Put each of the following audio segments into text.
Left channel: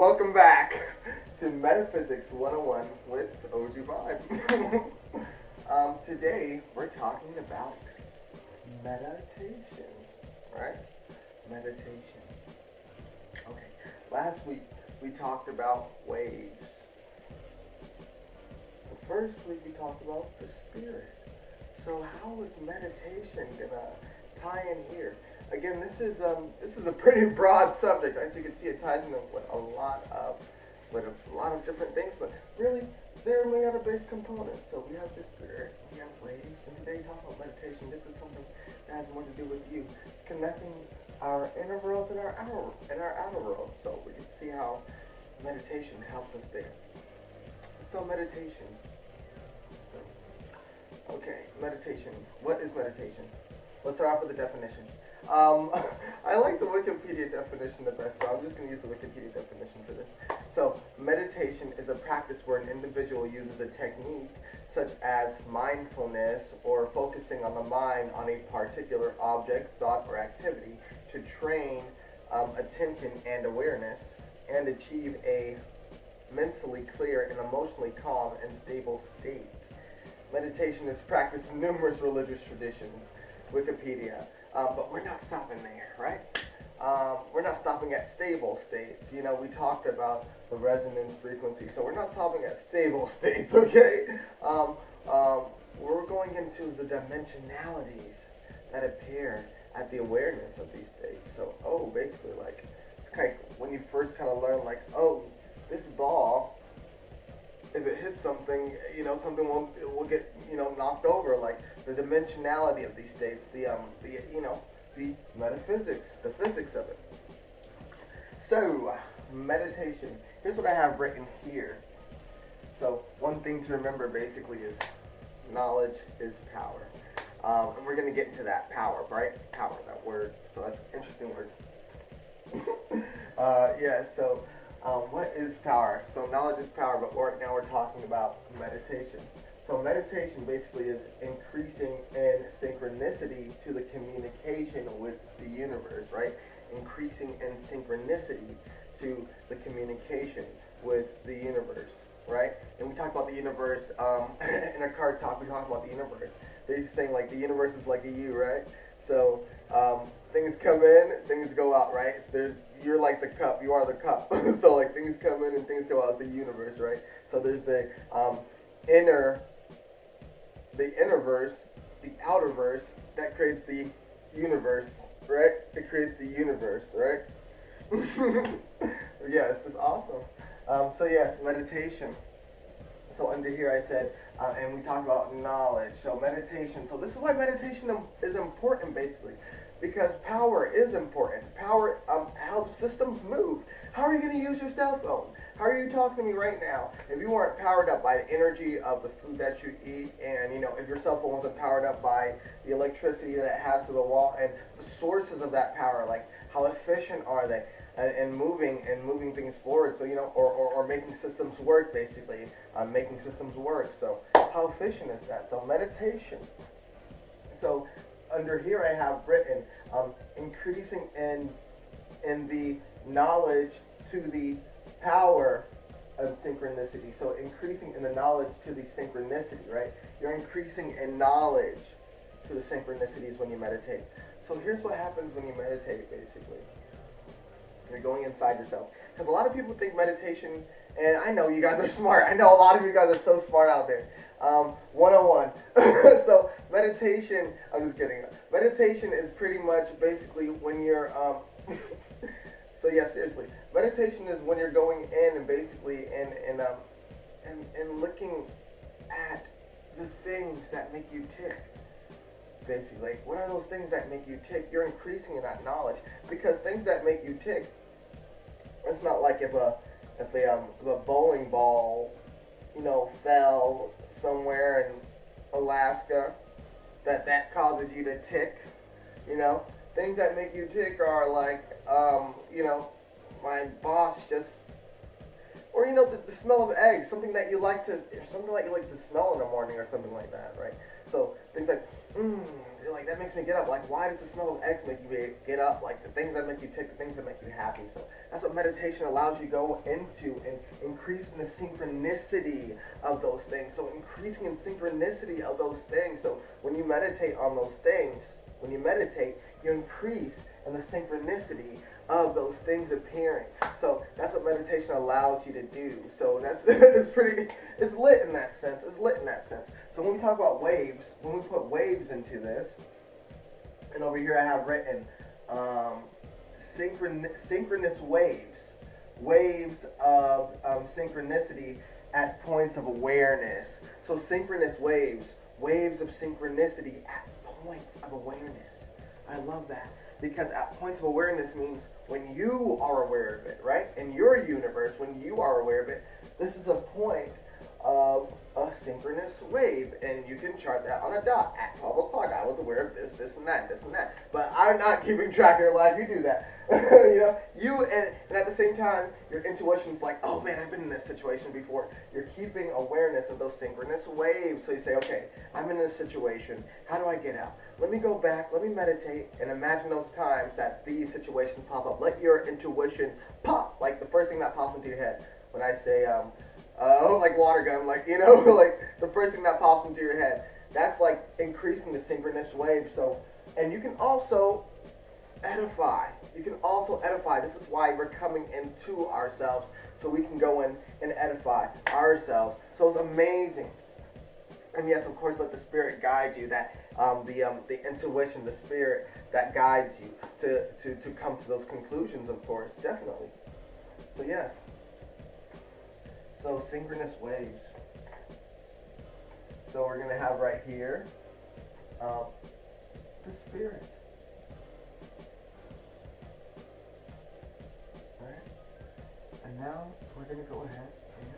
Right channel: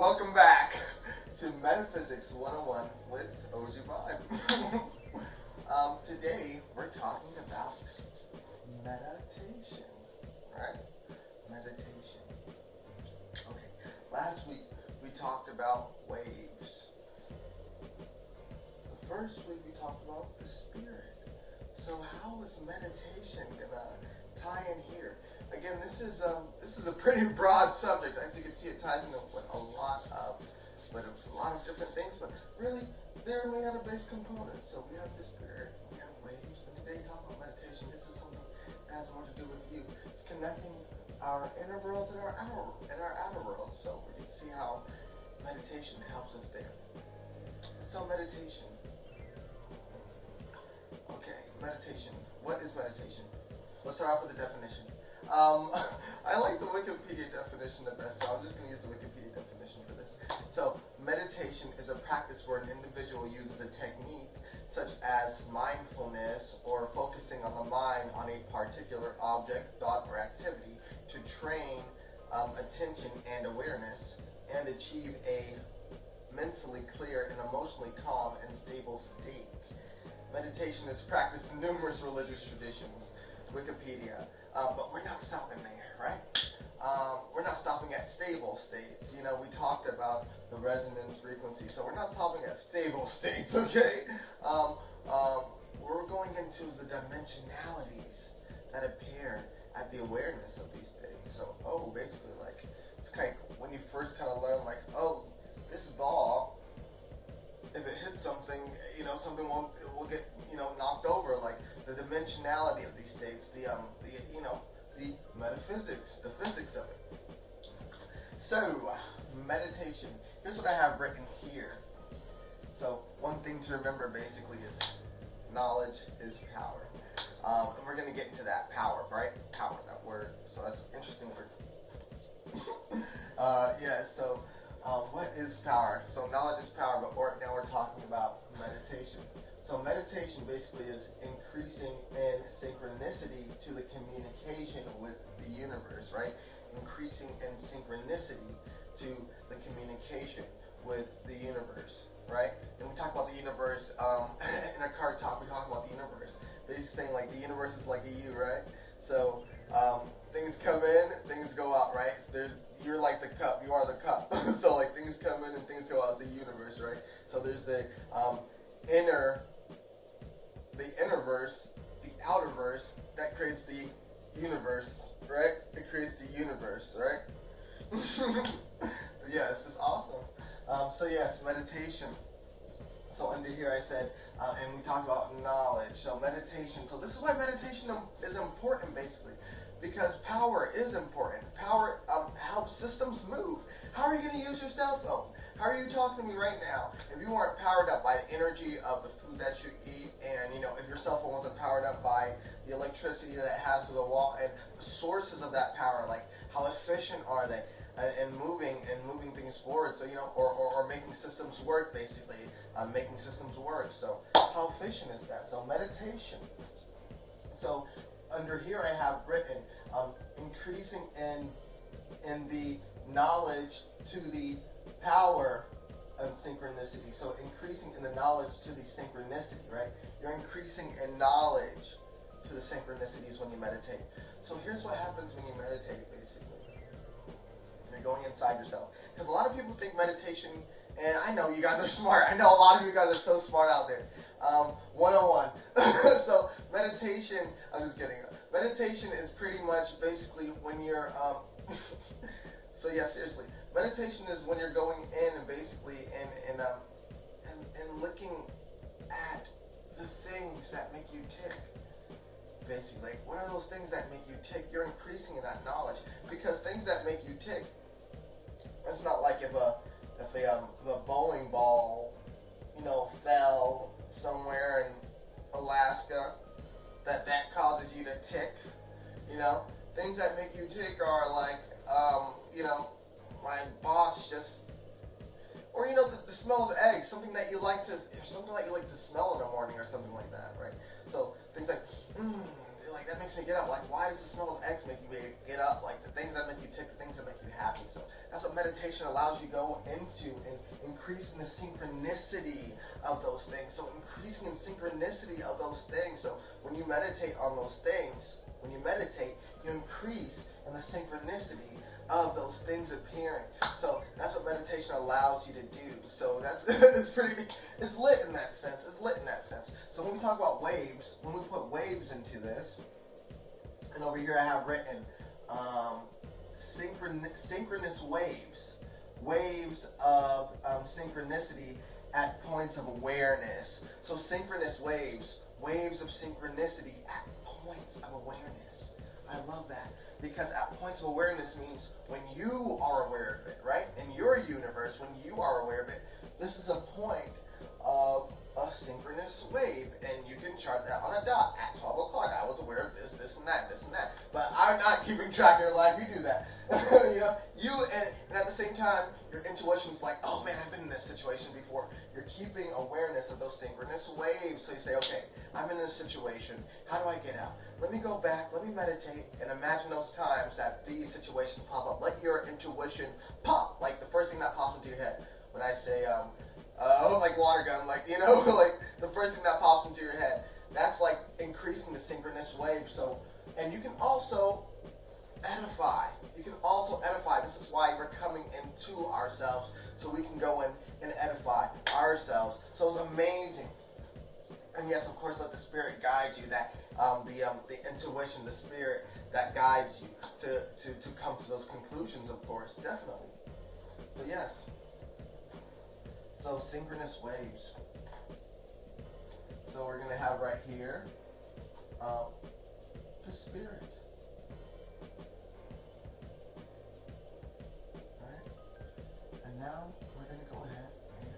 Welcome back to Metaphysics 101 with OG Vibe. Today we're talking about meditation, right? Meditation. Okay, last week we talked about waves. The first week we talked about the spirit. So how is meditation gonna tie in here? Again, this is a pretty broad subject. As you can see, it ties into a lot of different things, but really they're made out of base components. So we have the spirit, we have waves, and today talking about meditation. This is something that has more to do with you. It's connecting our inner worlds and our outer worlds. So we can see how meditation helps us there. So meditation. Okay, meditation. What is meditation? Let's start off with the definition. I like the Wikipedia definition the best, so I'm just going to use the Wikipedia definition for this. So, meditation is a practice where an individual uses a technique such as mindfulness or focusing on the mind on a particular object, thought, or activity to train attention and awareness and achieve a mentally clear and emotionally calm and stable state. Meditation is practiced in numerous religious traditions. Wikipedia. But we're not stopping there, right? We're not stopping at stable states. You know, we talked about the resonance frequency, so we're not stopping at stable states, okay? We're going into the dimensionalities that appear at the awareness of these states. So, basically, like, it's kind of when you first kind of learn, like, this ball, if it hits something, something will get, knocked over, like the dimensionality of these states, the metaphysics, the physics of it. So, meditation. Here's what I have written here. So, one thing to remember basically is knowledge is power. And we're going to get into that power, right? Power, that word. So, that's an interesting word. What is power? So knowledge is power, but now we're talking about meditation. So meditation basically is increasing in synchronicity to the communication with the universe, right? Increasing in synchronicity to the communication with the universe, right? And we talk about the universe, in our card talk, we talk about the universe. They're saying like the universe is like a U, right? So things come in, things go out, right? You're like the cup, you are the cup. So like things come in and things go out, it's the universe, right? So there's the innerverse, the outerverse, that creates the universe, right? It creates the universe, right? Yes, it's awesome. Meditation. So under here I said, and we talked about knowledge. So meditation. So this is why meditation is important, basically, because power is important. Power helps systems move. How are you going to use your cell phone? How are you talking to me right now? If you weren't powered up by the energy of the food that you eat, and if your cell phone wasn't powered up by the electricity that it has to the wall and the sources of that power, like how efficient are they? And moving things forward, so or making systems work, basically, making systems work. So how efficient is that? So meditation. So under here I have written increasing in the knowledge to the power of synchronicity. So increasing in the knowledge to the synchronicity, right? You're increasing in knowledge to the synchronicities when you meditate. So here's what happens when you meditate, basically. You're going inside yourself. Because a lot of people think meditation, and I know you guys are smart. I know a lot of you guys are so smart out there. 101. So meditation, I'm just kidding. Meditation is pretty much basically when you're, seriously. Meditation is when you're going in and basically and looking at the things that make you tick. Basically, like, what are those things that make you tick? You're increasing in that knowledge, because things that make you tick, it's not like if a bowling ball, fell somewhere in Alaska, that causes you to tick. Things that make you tick are like, my boss just, or the smell of eggs, something that you like to smell in the morning or something like that, right? So things like, like that makes me get up. Like, why does the smell of eggs make you get up? Like, the things that make you tick, the things that make you happy. So that's what meditation allows you to go into, and increasing the synchronicity of those things. So increasing in synchronicity of those things. So when you meditate on those things, when you meditate, you increase in the synchronicity of those things appearing. So that's what meditation allows you to do. So that's it's lit in that sense. It's lit in that sense. So when we talk about waves, when we put waves into this, and over here I have written synchronous waves of synchronicity at points of awareness. So synchronous waves of synchronicity at points of awareness. I love that, because at points of awareness means when you are aware of it, right? In your universe, when you are aware of it, this is a point of a synchronous wave, and you can chart that on a dot. At 12 o'clock, I was aware of this, this, and that, this, and that. But I'm not keeping track of your life. You do that. And at the same time, your intuition's like, oh man, I've been in this situation before. You're keeping awareness of those synchronous waves. So you say, okay, I'm in this situation. How do I get out? Let me go back, let me meditate, and imagine those times that these situations pop up. Let your intuition pop, like the first thing that pops into your head. When I say, like water gun, like, like the first thing that pops into your head. That's like increasing the synchronous wave. So, and you can also edify. You can also edify. This is why we're coming into ourselves, so we can go in and edify ourselves. So it's amazing. And yes, of course, let the spirit guide you. That the intuition, the spirit that guides you to come to those conclusions. Of course, definitely. So yes. So synchronous waves. So we're gonna have right here the spirit. Right? And now we're gonna go ahead and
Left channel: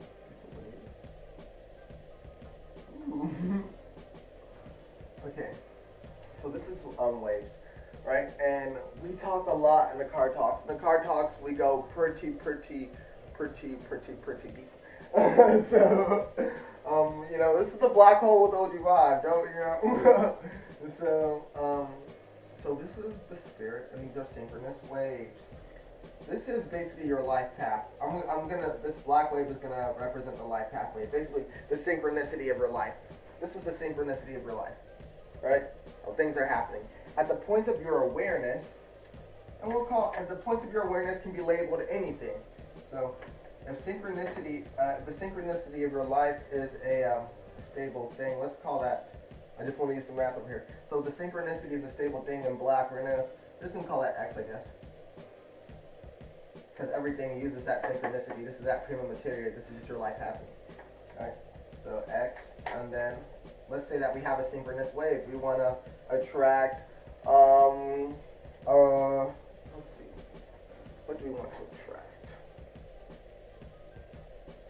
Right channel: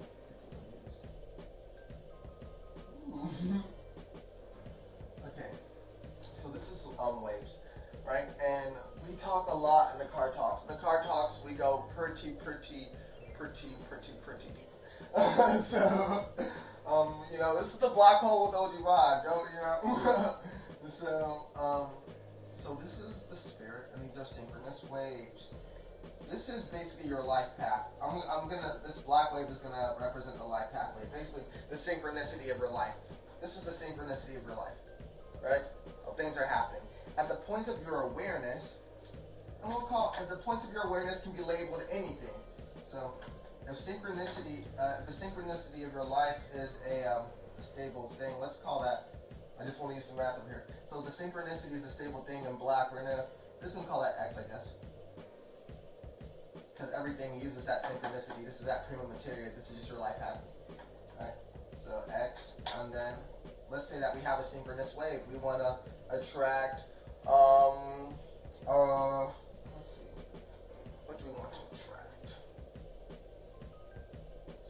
get the waves. Ooh. Okay. So this is waves, right? And we talk a lot in the card talks. In the card talks, we go pretty deep. So, this is the black hole with OG vibe, don't. So this is the spirit, and these are synchronous waves. This is basically your life path. This black wave is gonna represent the life pathway. Basically, the synchronicity of your life. This is the synchronicity of your life, right? How things are happening at the point of your awareness, and the points of your awareness can be labeled anything. So, if synchronicity, the synchronicity of your life is a stable thing, let's call that. I just want to use some math over here. So the synchronicity is a stable thing in black. We're just gonna call that X, I guess, because everything uses that synchronicity. This is that prima materia. This is just your life happening. All right. So X, and then let's say that we have a synchronous wave. We want to attract. Let's see. What do we want to attract?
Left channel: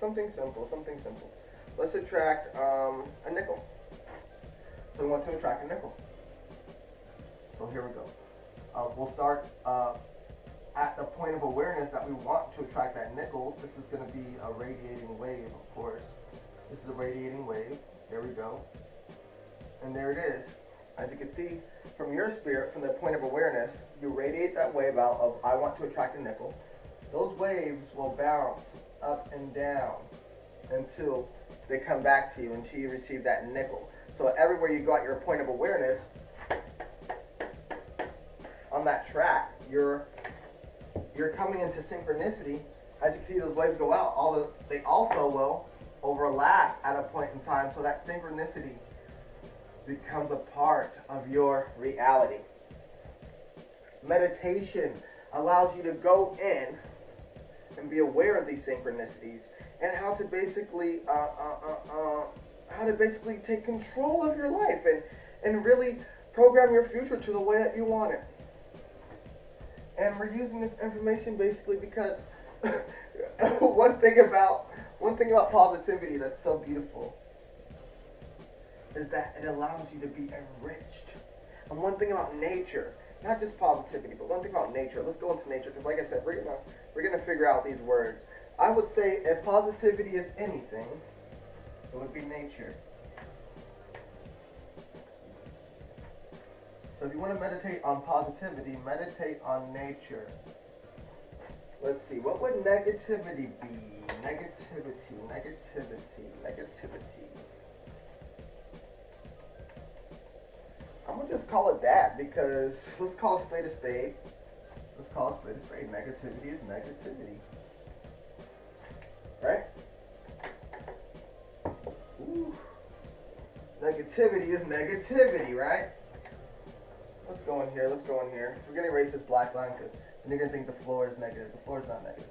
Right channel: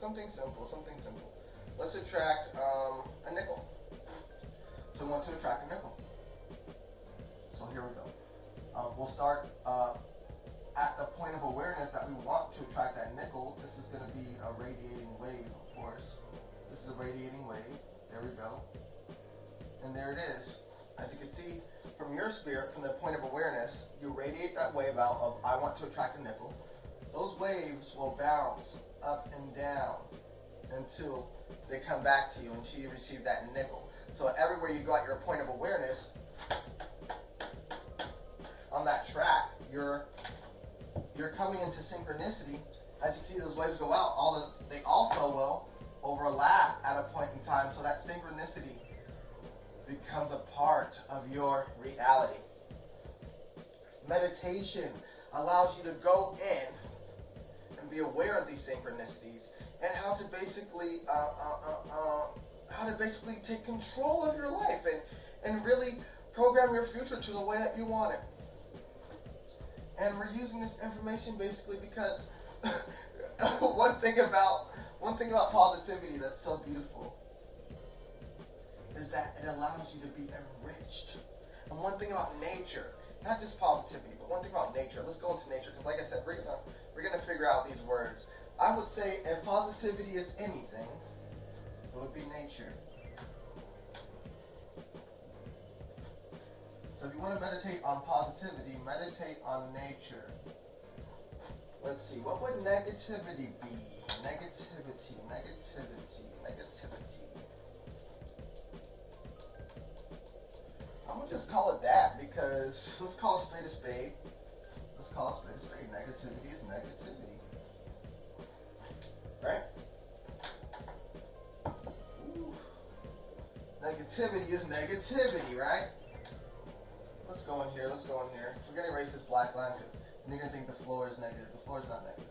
Something simple. Let's attract a nickel. So we want to attract a nickel. So here we go. We'll start at the point of awareness that we want to attract that nickel. This is going to be a radiating wave, of course. This is a radiating wave. There we go. And there it is. As you can see, from your spirit, from the point of awareness, you radiate that wave out of I want to attract a nickel. Those waves will bounce up and down until they come back to you, until you receive that nickel. So everywhere you got your point of awareness, on that track, you're coming into synchronicity. As you can see, those waves go out. They also will overlap at a point in time, so that synchronicity becomes a part of your reality. Meditation allows you to go in and be aware of these synchronicities and how to basically take control of your life and really program your future to the way that you want it. And we're using this information basically because one thing about positivity that's so beautiful is that it allows you to be enriched. And one thing about nature, not just positivity, but one thing about nature. Let's go into nature, because like I said, we're gonna figure out these words. I would say if positivity is anything, it would be nature. So if you want to meditate on positivity, meditate on nature. Let's see, what would negativity be? Negativity. I'm going to just call it that because let's call a spade a spade. Negativity is negativity. Right? Ooh. Negativity is negativity, right? Let's go in here. So we're going to erase this black line because you're going to think the floor is negative. The floor is not negative.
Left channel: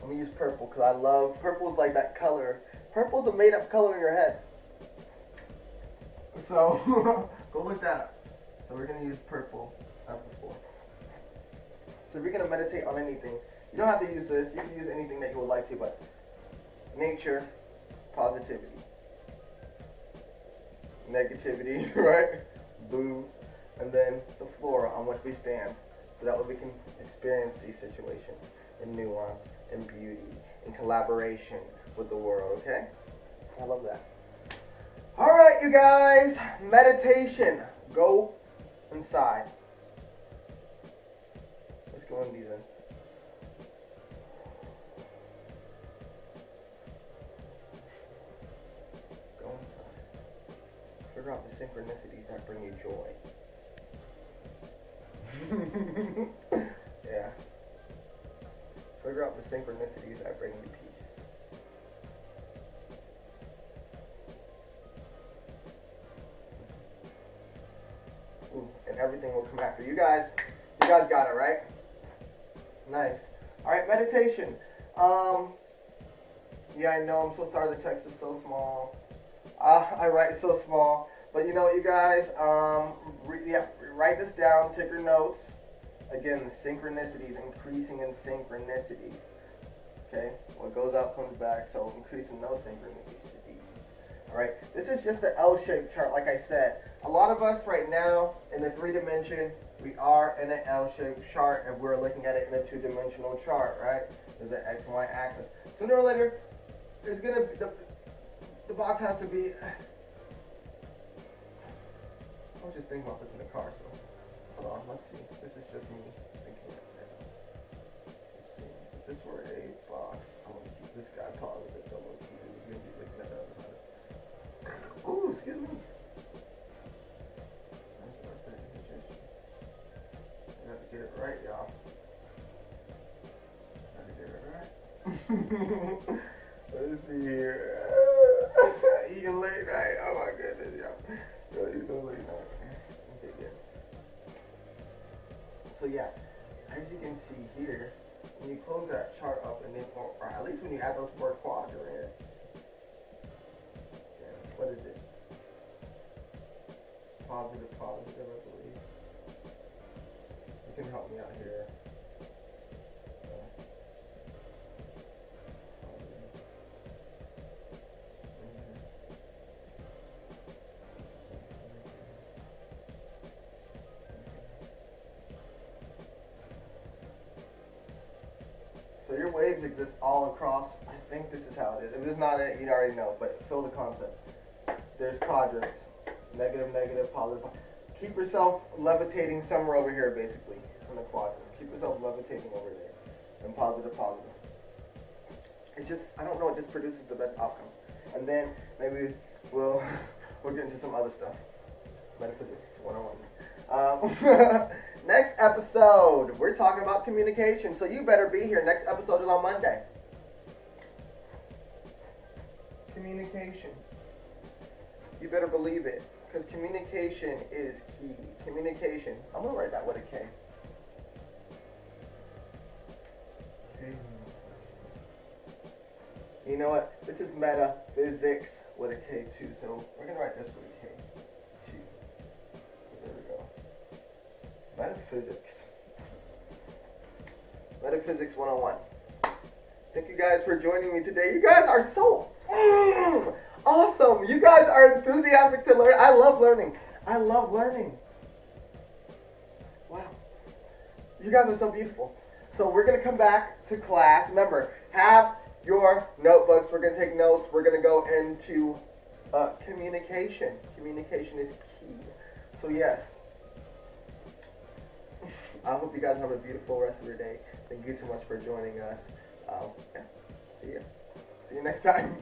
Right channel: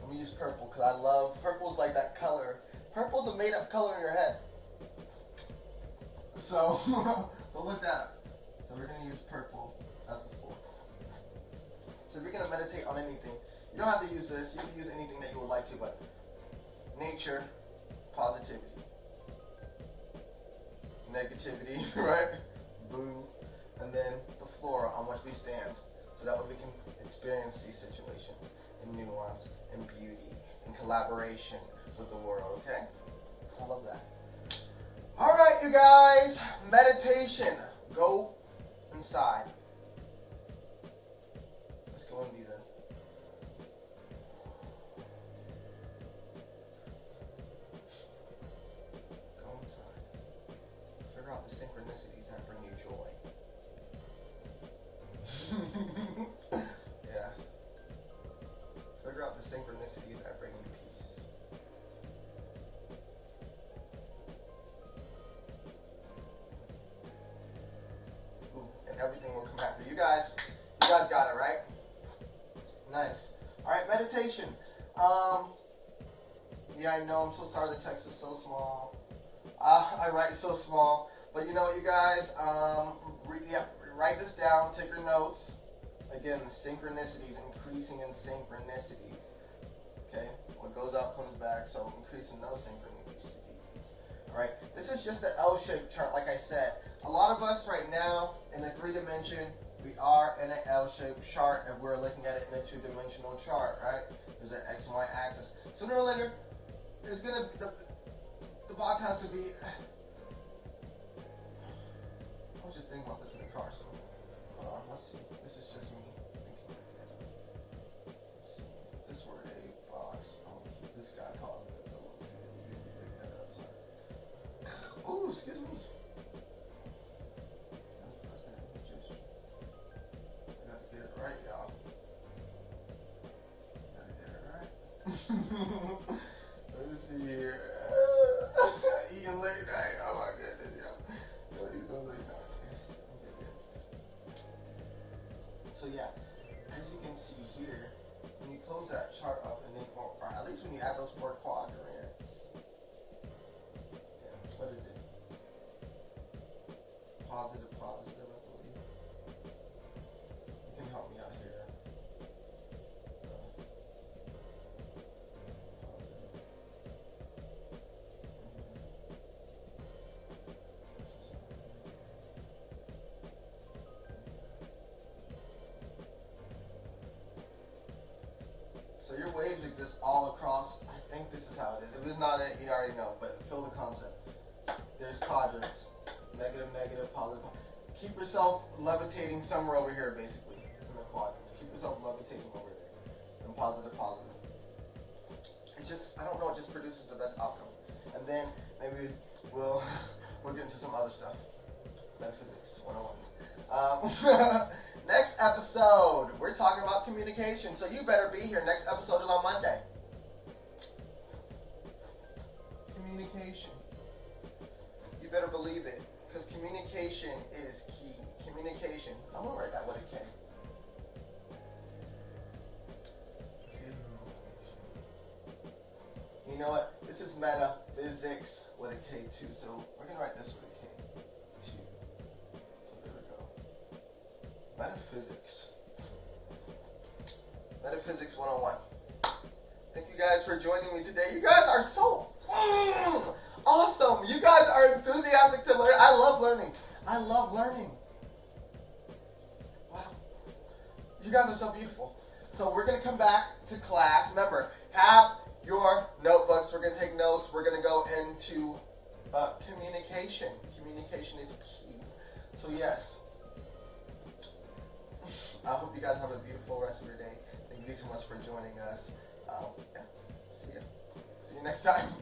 Let me use purple because I love, purple is like that color. Purple is a made up color in your head. So, go look that up. So we're going to use purple as the floor. So if you're going to meditate on anything, you don't have to use this. You can use anything that you would like to, but nature, positivity. Negativity, right? Boo. And then the floor on which we stand. So that way we can experience these situations in nuance, in beauty, in collaboration with the world, okay? I love that. All right, you guys, meditation. Go inside. Let's go in these in. Go inside. Figure out the synchronicities that bring you joy. Yeah. Figure out the synchronicities that bring you peace. Ooh, and everything will come after you guys. You guys got it, right? Nice. All right, meditation. Yeah, I know. I'm so sorry the text is so small. I write so small, but you know what, you guys? Write this down. Take your notes. Again, the synchronicities, increasing in synchronicities. Okay, what goes out comes back. So increasing those synchronicities. All right, this is just the L-shaped chart. Like I said, a lot of us right now in the 3-dimension, we are in an L-shaped chart, and we're looking at it in a 2-dimensional chart. Right? There's an X and Y axis. Sooner or later, there's gonna be the box has to be. I was just thinking about this in the car, so hold on. Let's see. This is just me thinking like that. Let's see. If this were a box, I'm gonna keep this guy positive. I'm gonna keep it. We're gonna be looking at the other side. Ooh, excuse me. That's that indigestion. I gotta get it right, y'all. Gotta get it right. Let's see here. Eating late night. Oh my goodness, y'all. Eating late night. Okay, good. So yeah, as you can see here, when you close that chart up and then, or at least when you add those 4 quadrants, yeah, what is it? Positive, I believe. You can help me out here. So your waves exist all across. I think this is how it is. If it's not it, you already know, but feel the concept. There's quadrants. Negative, negative, positive. Keep yourself levitating somewhere over here, basically, in the quadrants. Keep yourself levitating over there. And positive, positive. It's just, I don't know, it just produces the best outcome. And then maybe we'll get into some other stuff. Metaphysics 101. Next episode, we're talking about communication. So you better be here. Next episode is on Monday. Communication. You better believe it. Because communication is key. Communication. I'm going to write that with a K. You know what? This is metaphysics with a K too. So we're going to write this with a K too. So there we go. Metaphysics. Metaphysics 101. Thank you guys for joining me today. You guys are so awesome. You guys are enthusiastic to learn. I love learning. Wow. You guys are so beautiful. So we're going to come back to class. Remember, have your notebooks. We're going to take notes. We're going to go into communication. Communication is key. So yes, I hope you guys have a beautiful rest of your day. Thank you so much for joining us. Yeah, see you. See you next time.